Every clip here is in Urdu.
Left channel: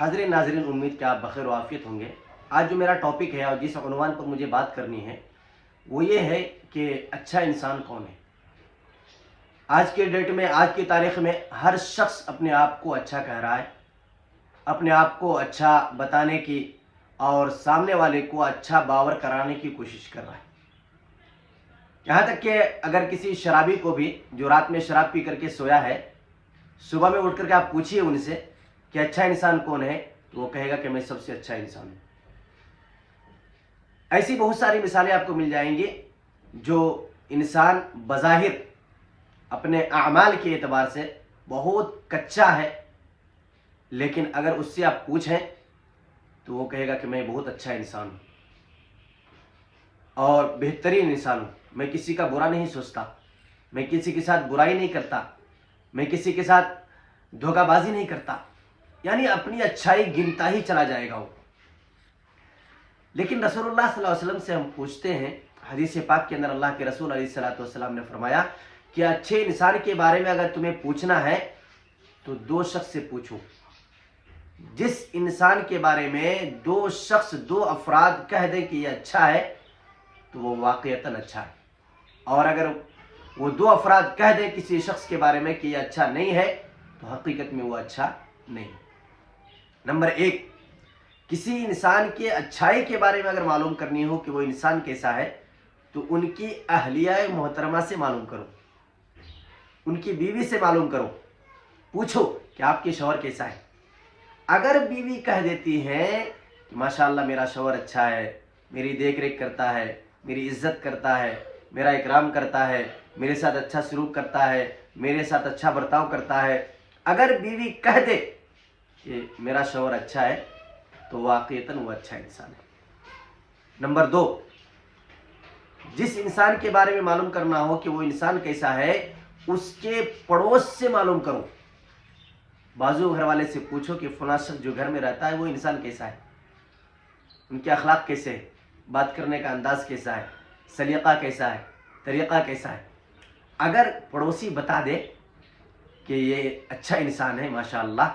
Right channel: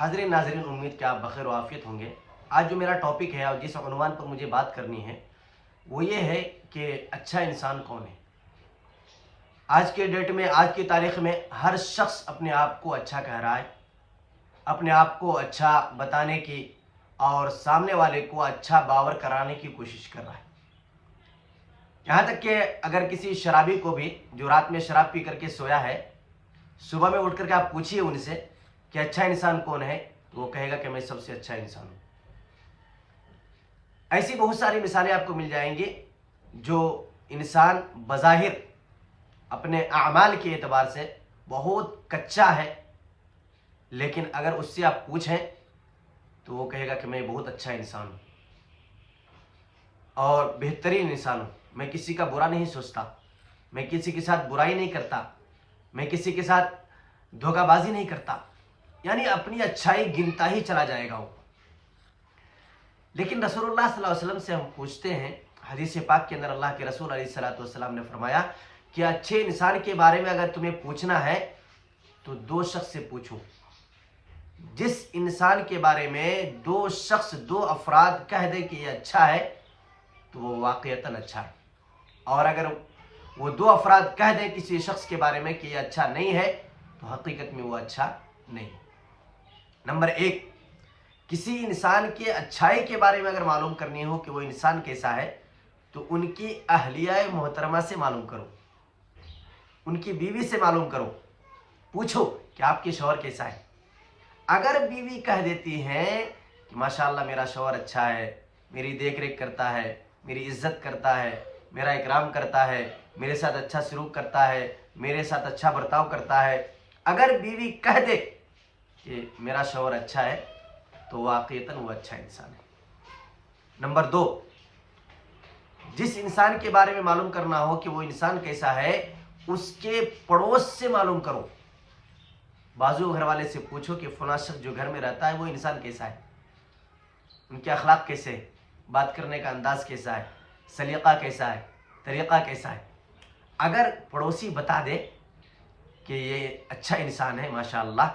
حاضرین ناظرین، امید کہ آپ بخیر و عافیت ہوں گے۔ آج جو میرا ٹاپک ہے اور جس عنوان پر مجھے بات کرنی ہے وہ یہ ہے کہ اچھا انسان کون ہے۔ آج کے ڈیٹ میں، آج کی تاریخ میں ہر شخص اپنے آپ کو اچھا کہہ رہا ہے، اپنے آپ کو اچھا بتانے کی اور سامنے والے کو اچھا باور کرانے کی کوشش کر رہا ہے۔ یہاں تک کہ اگر کسی شرابی کو بھی جو رات میں شراب پی کر کے سویا ہے، صبح میں اٹھ کر کے آپ پوچھیے ان سے کہ اچھا انسان کون ہے، تو وہ کہے گا کہ میں سب سے اچھا انسان ہوں۔ ایسی بہت ساری مثالیں آپ کو مل جائیں گی جو انسان بظاہر اپنے اعمال کے اعتبار سے بہت کچا ہے، لیکن اگر اس سے آپ پوچھیں تو وہ کہے گا کہ میں بہت اچھا انسان ہوں اور بہترین انسان ہوں، میں کسی کا برا نہیں سوچتا، میں کسی کے ساتھ برائی نہیں کرتا، میں کسی کے ساتھ دھوکہ بازی نہیں کرتا، یعنی اپنی اچھائی گنتا ہی چلا جائے گا وہ۔ لیکن رسول اللہ صلی اللہ علیہ وسلم سے ہم پوچھتے ہیں، حدیث پاک کے اندر اللہ کے رسول علیہ الصلوۃ والسلام نے فرمایا کہ اچھے انسان کے بارے میں اگر تمہیں پوچھنا ہے تو دو شخص سے پوچھو۔ جس انسان کے بارے میں دو شخص، دو افراد کہہ دیں کہ یہ اچھا ہے تو وہ واقعتاً اچھا ہے، اور اگر وہ دو افراد کہہ دیں کسی شخص کے بارے میں کہ یہ اچھا نہیں ہے تو حقیقت میں وہ اچھا نہیں۔ نمبر ایک، کسی انسان کے اچھائی کے بارے میں اگر معلوم کرنی ہو کہ وہ انسان کیسا ہے تو ان کی اہلیہ محترمہ سے معلوم کرو، ان کی بیوی سے معلوم کرو، پوچھو کہ آپ کے شوہر کیسا ہے۔ اگر بیوی کہہ دیتی ہے کہ ماشاءاللہ میرا شوہر اچھا ہے، میری دیکھ ریکھ کرتا ہے، میری عزت کرتا ہے، میرا اکرام کرتا ہے، میرے ساتھ اچھا سلوک کرتا ہے، میرے ساتھ اچھا برتاؤ کرتا ہے، اگر بیوی کہہ دے کہ میرا شوہر اچھا ہے تو واقعتاً وہ اچھا انسان ہے۔ نمبر دو، جس انسان کے بارے میں معلوم کرنا ہو کہ وہ انسان کیسا ہے، اس کے پڑوس سے معلوم کرو۔ بازو گھر والے سے پوچھو کہ فلاں شخص جو گھر میں رہتا ہے وہ انسان کیسا ہے، ان کے اخلاق کیسے ہے، بات کرنے کا انداز کیسا ہے، سلیقہ کیسا ہے، طریقہ کیسا ہے۔ اگر پڑوسی بتا دے کہ یہ اچھا انسان ہے ماشاءاللہ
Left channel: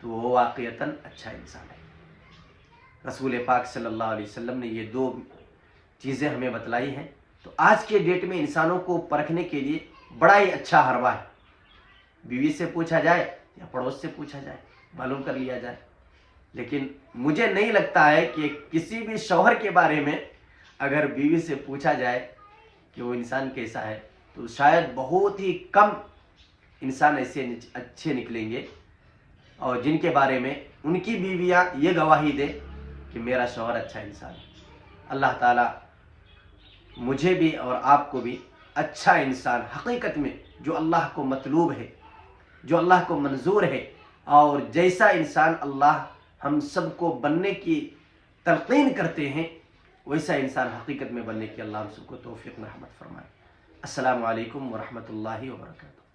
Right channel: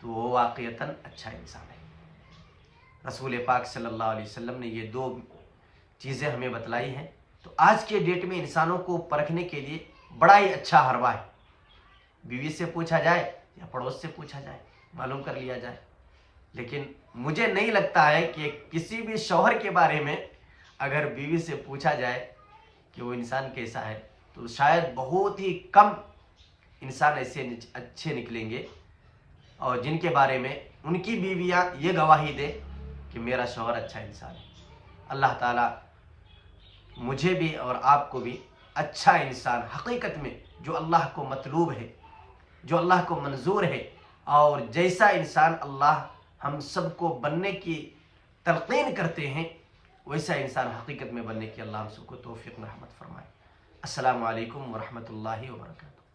تو وہ واقعتاً اچھا انسان ہے۔ رسول پاک صلی اللہ علیہ وسلم نے یہ دو چیزیں ہمیں بتلائی ہیں۔ تو آج کے ڈیٹ میں انسانوں کو پرکھنے کے لیے بڑا ہی اچھا حربہ ہے، بیوی سے پوچھا جائے یا پڑوس سے پوچھا جائے، معلوم کر لیا جائے۔ لیکن مجھے نہیں لگتا ہے کہ کسی بھی شوہر کے بارے میں اگر بیوی سے پوچھا جائے کہ وہ انسان کیسا ہے تو شاید بہت ہی کم انسان ایسے اچھے نکلیں گے اور جن کے بارے میں ان کی بیویاں یہ گواہی دے کہ میرا شوہر اچھا انسان ہے۔ اللہ تعالیٰ مجھے بھی اور آپ کو بھی اچھا انسان، حقیقت میں جو اللہ کو مطلوب ہے، جو اللہ کو منظور ہے، اور جیسا انسان اللہ ہم سب کو بننے کی تلقین کرتے ہیں ویسا انسان حقیقت میں بننے کی اللہ ہم سب کو توفیق مرحمت فرمائے۔ السلام علیکم ورحمۃ اللہ وبرکاتہ۔